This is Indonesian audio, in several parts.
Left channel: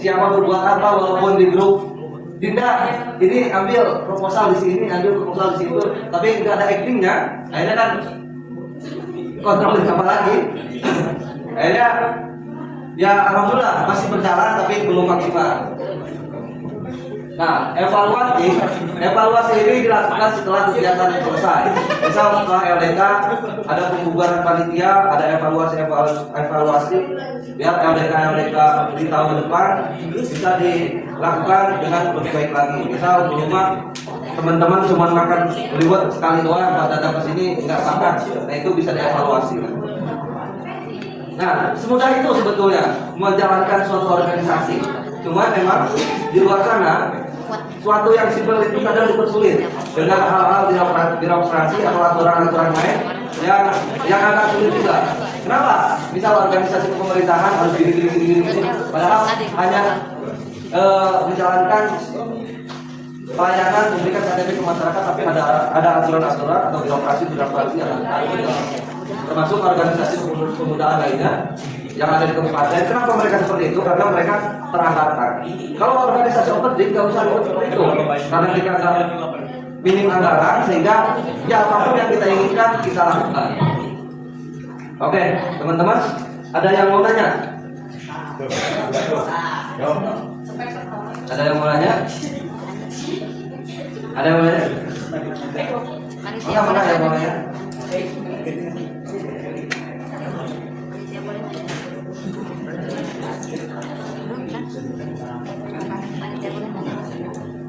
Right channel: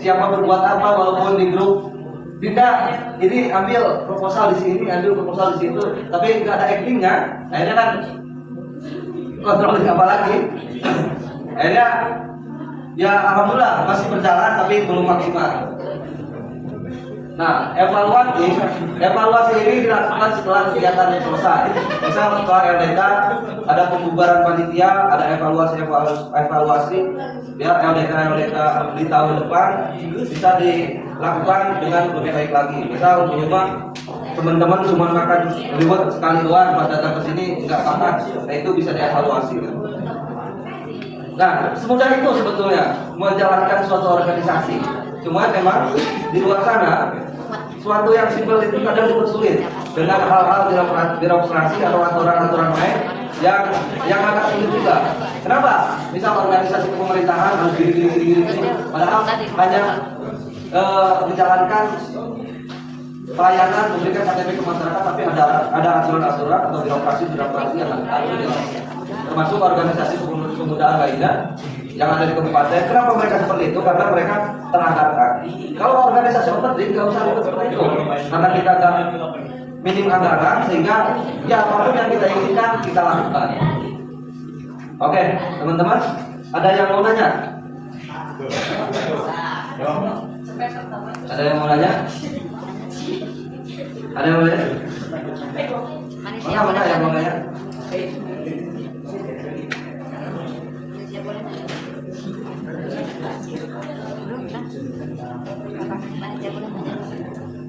siapa berbuat apa walaupun di grup. Tidak, ini ambil proposal di sini, ambil proposal di situ, tapi nggak ada actingnya. Akhirnya kan kontrol apa lagi? Akhirnya ya alhamdulillah masih berjalan tapi belum maksimal. Nah, evaluasi ini dilakukan setelah kegiatan selesai. Misal setelah LDK ada pembubaran panitia, ada evaluasi biar LDK di tahun depan bisa dilakukan dengan lebih baik lagi. Misal di rumah teman-teman cuma makan liwet sekali doang, pas datang ke sini nggak makan, nah itu bisa dievaluasi. Nah, semudah itu sebetulnya menjalankan suatu organisasi. Cuma memang di luar sana suatu yang simpel itu kadang dipersulit dengan hal-hal birokrasi atau aturan-aturan lain yang agak sulit juga. Kenapa? Misal organisasi pemerintahan harus gini, padahal hanya menjalankan layanan memberikan KTP ke masyarakat, tapi ada aturan-aturan atau birokrasi yang harus dijalankan. Termasuk organisasi kepemudaan lainnya yang ada di kabupaten. Kenapa mereka seperti itu? Karena mereka teranggarkan. Kalau organisasi open nggak usah ribet seperti itu, karena kita nggak minim anggaran, sehingga ya apapun yang kita inginkan kita lakukan. Oke, teman-teman, ada yang mau nanya? Ada yang mau nanya? Ada yang mau nanya? Mana yang mau nanya?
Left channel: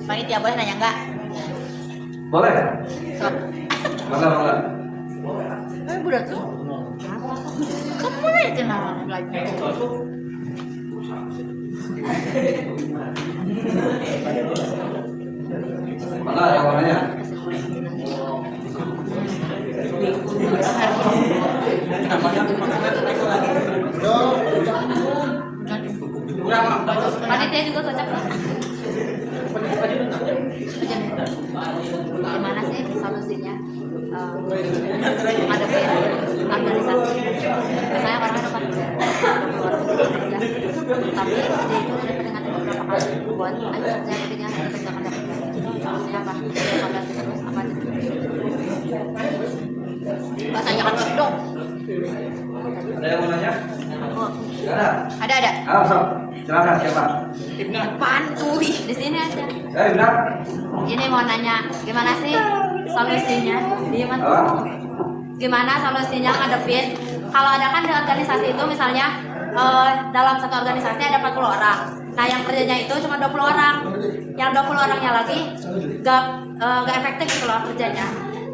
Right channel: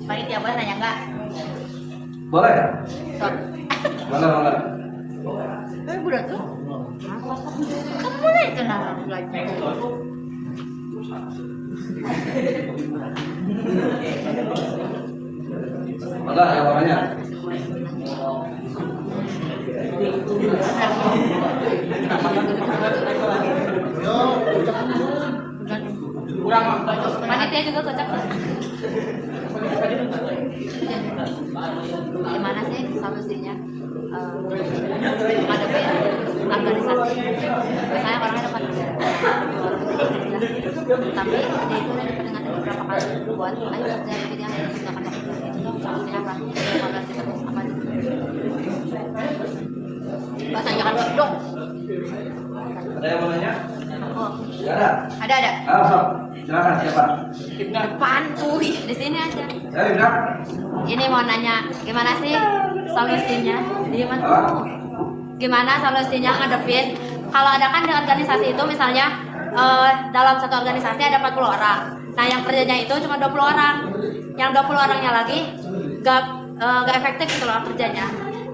Panitia boleh nanya enggak? Boleh. Mana? Budak tuh. Kamu lah itu nama lagi. Mana yang warnanya? Panitia juga cocok. Gimana sih solusinya menghadapi organisasi? Biasanya orangnya depan kerja, tapi dia itu dari peringatan beberapa kali buat ayo kerja. Solusinya apa? Evaluasi terus apa aja? Bahasanya kan dong. Ada yang mau nanya? Oh. Ada. Sok. Silakan siapa? Depan tuh di sini aja. Benar. Ini mau nanya gimana sih solusinya? Gimana solusinya ngadepin kalau ada kan di organisasi itu misalnya dalam satu organisasi ada 40 orang. Nah yang kerjanya itu cuma 20 orang. Yang 20 orangnya lagi gak efektif gitu loh kerjanya.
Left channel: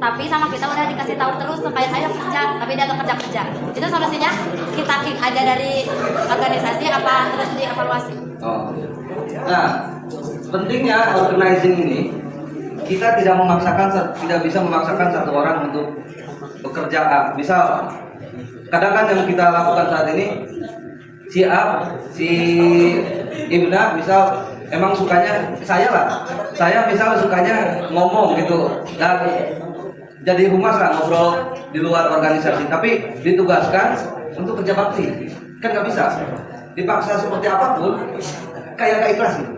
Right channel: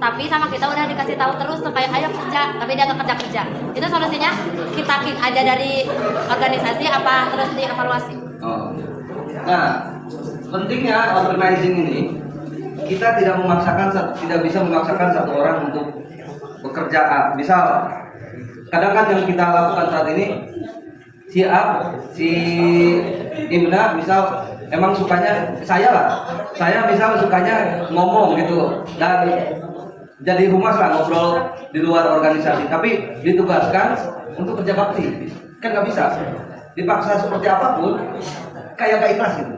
Tapi sama kita udah dikasih tahu terus kayak ayo kerja, tapi dia nggak kerja. Itu solusinya kita kick aja dari organisasi apa terus dievaluasi? Oh. Nah, pentingnya organizing ini kita tidak bisa memaksakan satu orang untuk bekerja. Misal, kadang kan yang kita lakukan saat ini si Ibna misal emang sukanya saya misal sukanya ngomong gitu dan jadi humas lah ngobrol di luar organisasi, tapi ditugaskan untuk kerja bakti kan nggak bisa, dipaksa seperti apapun kayak gak ikhlas gitu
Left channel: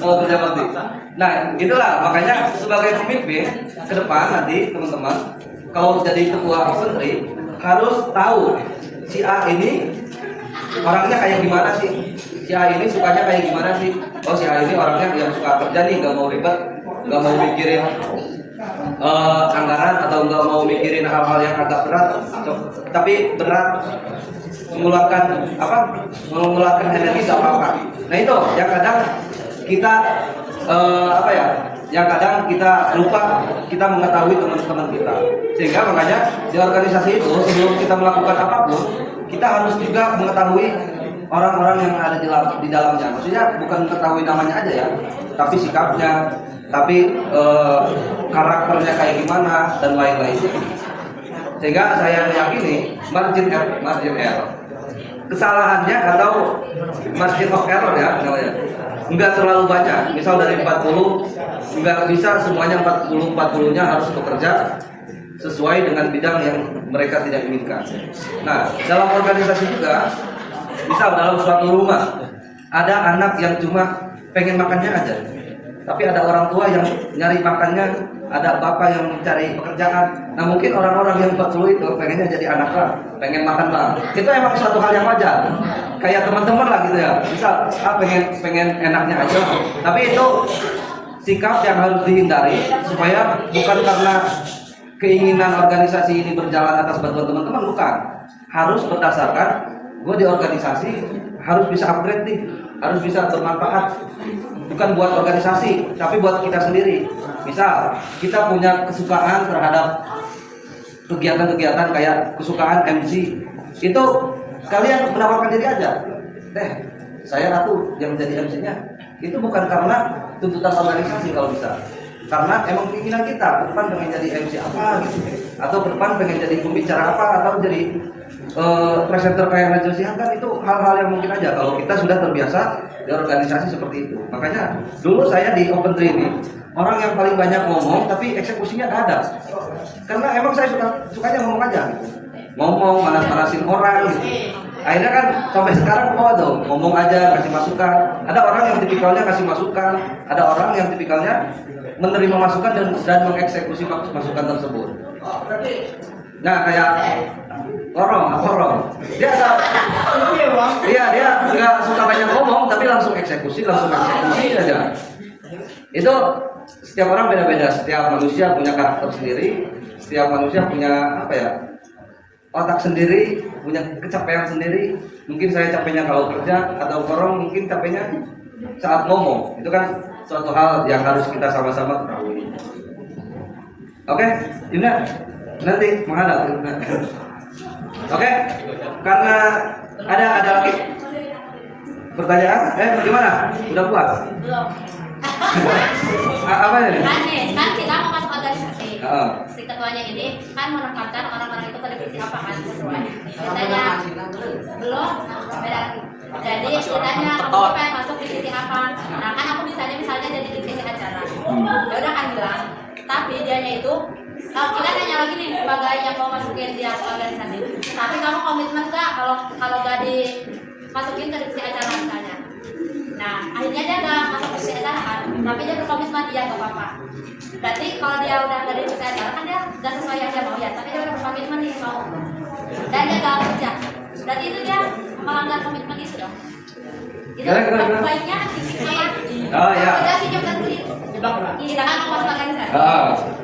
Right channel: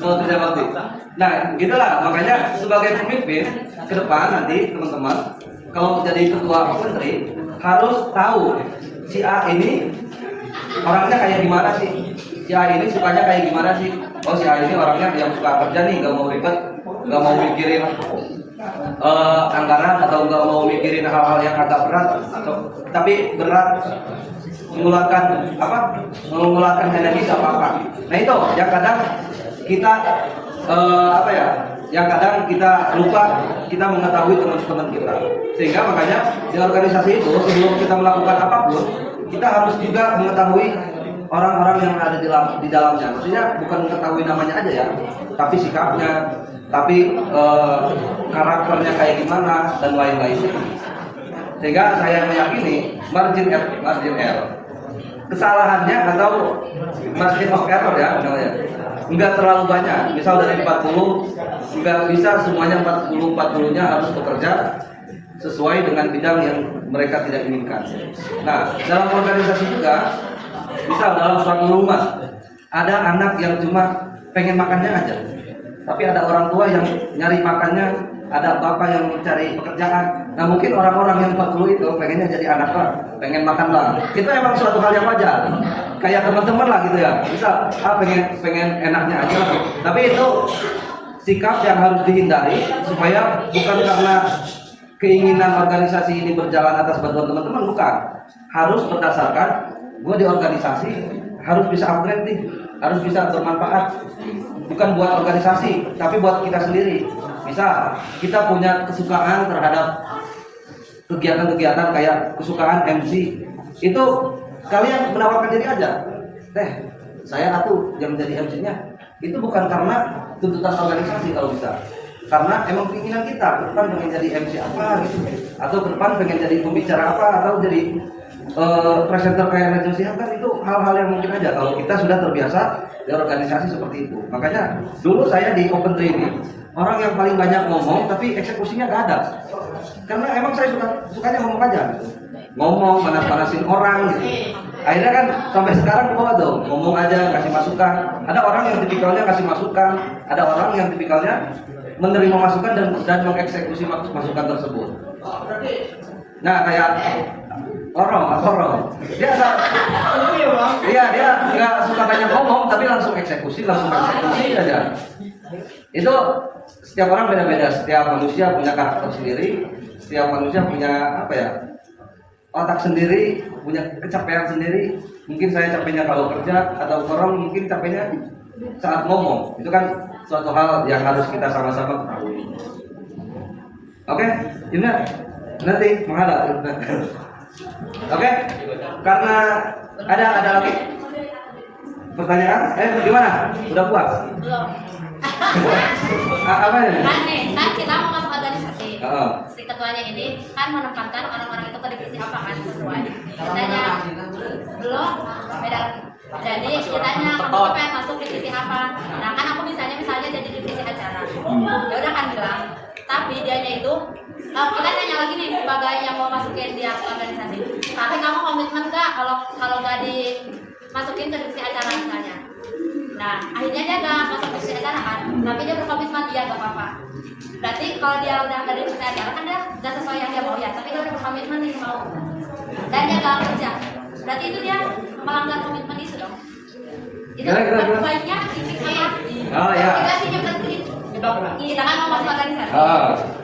kalau kerja bakti. Nah gitulah, makanya sebagai pemimpin ke depan nanti teman-teman kalau jadi ketua menteri harus tahu si A ini orangnya kayak gimana sih, si A ini sukanya kayak gimana sih. Oh si A ini orangnya yang suka kerja nih, gak mau ribet, gak mau mikirin anggaran atau nggak mau mikirin hal-hal yang agak berat, tapi berat mengeluarkan energi gak apa-apa. Nah itu yang kadang kita yang kadang kita lupa kita mengetahui teman-teman kita, sehingga makanya di organisasi itu sebelum kita melakukan apapun kita harus juga mengetahui orang-orang yang ada di dalamnya. Maksudnya bukan mengetahui namanya aja ya, tapi sikapnya, tapi karakternya kayak gimana dan lain-lain. Sehingga saya meyakini margin error kesalahannya atau margin of error ya enggak terlalu banyak. Misal dari 40 enggak bisa semuanya 40-nya harus bekerja sesuai dengan bidang yang mereka tidak inginkan. Nah dalam organisasi juga misal dalam suatu rumah ada anak yang cuma pengen makannya aja, tapi ada orang tua yang nyari makannya, ada bapak yang mencari pekerjaan. Nah mungkin orang-orang yang 40 itu pengennya jadi anak lah, pengen makan lah. Itu emang suatu hal yang wajar. Kayak teman-teman lah gitu ya. Misal pengen enaknya aja. Tapi itu sikap yang harus dihindari supaya bukan karena keinginan organisasi ini berjalan atas bantuan teman-teman, bukan. Harus berdasarkan gue di organisasi harus bisa upgrade nih, harus bisa bermanfaat. Bukan buat organisasi, tapi buat kita sendiri. Misal kita punya kesukaan terhadap kegiatan-kegiatan kayak kesukaan MC, itu kalian menawarkan diri aja. Saya tuh yang jadi MC-nya. Itu bukan karena tuntutan organisasi kalau bisa, karena emang keinginan kita ke depan pengen jadi MC apa gitu, atau ke depan pengen jadi pembicara apa, atau jadi presenter kayak Najwa Shihab. Kan itu hal-hal yang mungkin aja kalau kita sudah terbiasa di organisasi seperti itu. Makanya dulu saya di Open Training, orang yang paling banyak ngomong tapi eksekusinya gak ada, karena emang saya sukanya ngomong aja gitu. Ngomong manas-manasin orang gitu. Akhirnya kan sampai sekarang dong ngomong aja, kasih masukan. Ada orang yang tipikalnya kasih masukan, ada orang yang tipikalnya menerima masukan dan mengeksekusi masukan tersebut. Nah kayak orang dia nggak suka banyak ngomong tapi langsung eksekusi aja. Itu setiap orang beda-beda, setiap manusia punya karakter sendiri, setiap manusia punya otak sendiri, punya kecapean sendiri. Mungkin saya capeknya kalau kerja, atau orang mungkin capeknya saat ngomong. Itu kan suatu hal yang harus kita sama-sama ketahui. Oke, ini nanti menghadap. Oke, karena ada lagi pertanyaan? Bagaimana? Udah puas? Belum. Apa ini? Kan kita mau masuk organisasi. Si ketuanya ini kan menekankan orang-orang itu ke divisi apa kan sesuai. Katanya belum, beda lagi. Jadi ditanya aku pengen masuk divisi apa. Nah kan aku misalnya jadi divisi acara. Ya udah kan bilang. Tapi dianya itu kita nanya lagi nih sebagai yang mau masukin dia ke organisasi. Tapi kamu komitmen gak kalau gak dimasukin ke divisi acara misalnya? Nah akhirnya dia gak masuk ke divisi acara kan, tapi dia berkomitmen dia gak apa-apa. Berarti kalau dia udah dari divisi acara kan dia udah sesuai yang dia mau ya, tapi dia udah berkomitmen nih mau. Dan dia gak kerja. Berarti itu dia melanggar komitmen itu dong. Itu baiknya dipikir. Tidak sih jangan begitu. Iya kan mau masuk organisasi.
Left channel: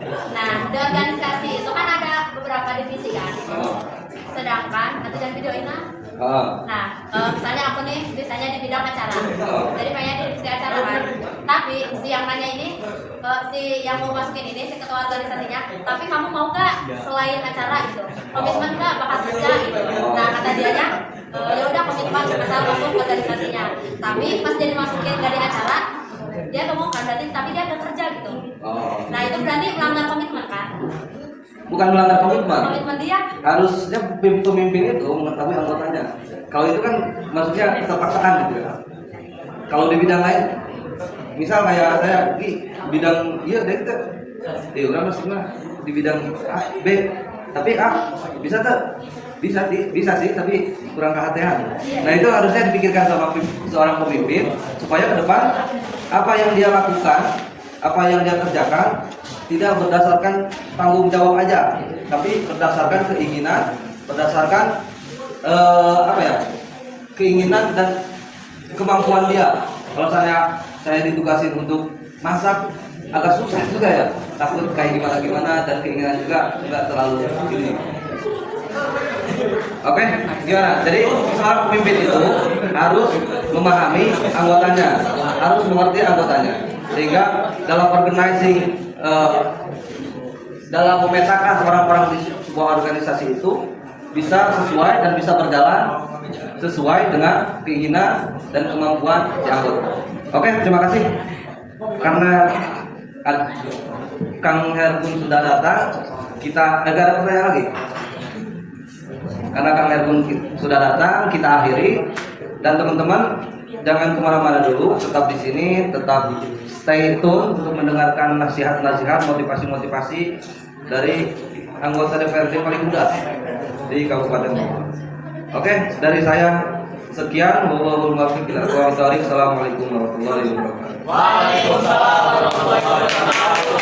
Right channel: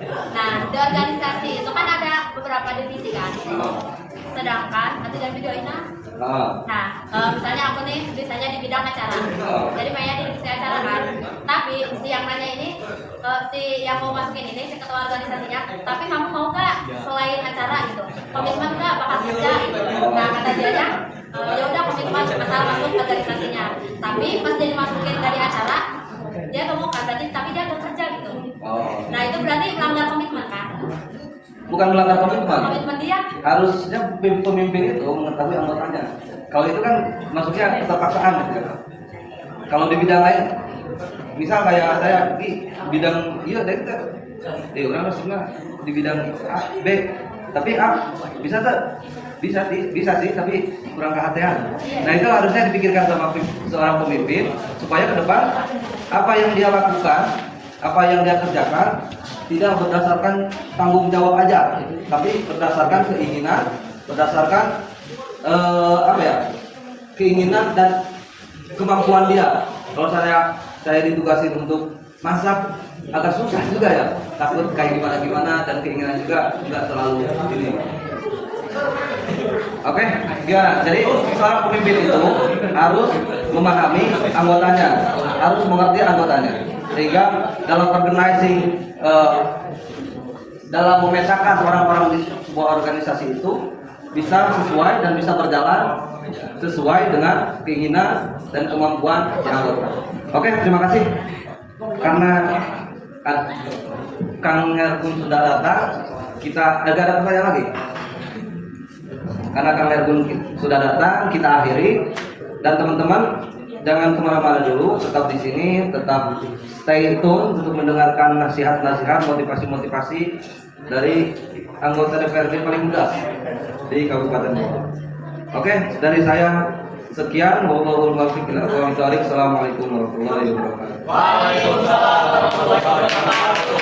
Nah di organisasi itu kan ada beberapa divisi kan. Sedangkan nanti dari video ini. Nah misalnya aku nih biasanya di bidang acara. Jadi pengen di divisi acara kan. Tapi si yang nanya ini si yang mau masukin ini si ketua organisasinya. Tapi kamu mau gak selain acara gitu? Komitmen gak bakal kerja gitu? Nah kata dianya ya udah komitmen asal masuk organisasinya. Tapi pas dia dimasukin dari acara dia gak mau kan, berarti tapi dia gak kerja gitu. Nah itu berarti melanggar komitmen kan? Bukan melanggar komitmen. Komitmen dia harusnya pemimpin itu mengetahui anggotanya. Kalau itu kan maksudnya keterpaksaan gitu ya. Kalau di bidang lain, misal kayak saya di bidang dari itu, orang maksudnya di bidang A, B, tapi A bisa tuh, bisa sih, tapi kurang kehatian. Nah itu harusnya dipikirkan sama seorang pemimpin supaya ke depan apa yang dia lakukan, apa yang dia kerjakan tidak berdasarkan tanggung jawab aja, tapi berdasarkan keinginan, berdasarkan keinginan dan kemampuan dia. Kalau saya ditugasin untuk masak agak susah juga ya, takut kayak gimana dan keinginan juga nggak terlalu ini. Oke, gimana? Jadi seorang pemimpin itu harus memahami anggotanya, harus mengerti anggotanya, sehingga dalam organizing, dalam memetakan orang-orang di sebuah organisasi itu bisa sesuai dan bisa berjalan sesuai dengan keinginan dan kemampuan anggota. Oke, terima kasih. Karena Kang Hergun sudah datang, kita agak ada pertanyaan lagi. Karena Kang Hergun sudah datang, kita akhiri. Dan teman-teman jangan kemana-mana dulu, tetap di sini, tetap stay tune untuk mendengarkan nasihat-nasihat, motivasi-motivasi dari anggota DPRD paling muda di Kabupaten Bogor. Oke, dari saya Sekian, wabillahi taufiq wal hidayah. Assalamualaikum warahmatullahi wabarakatuh. Waalaikumsalam warahmatullahi wabarakatuh.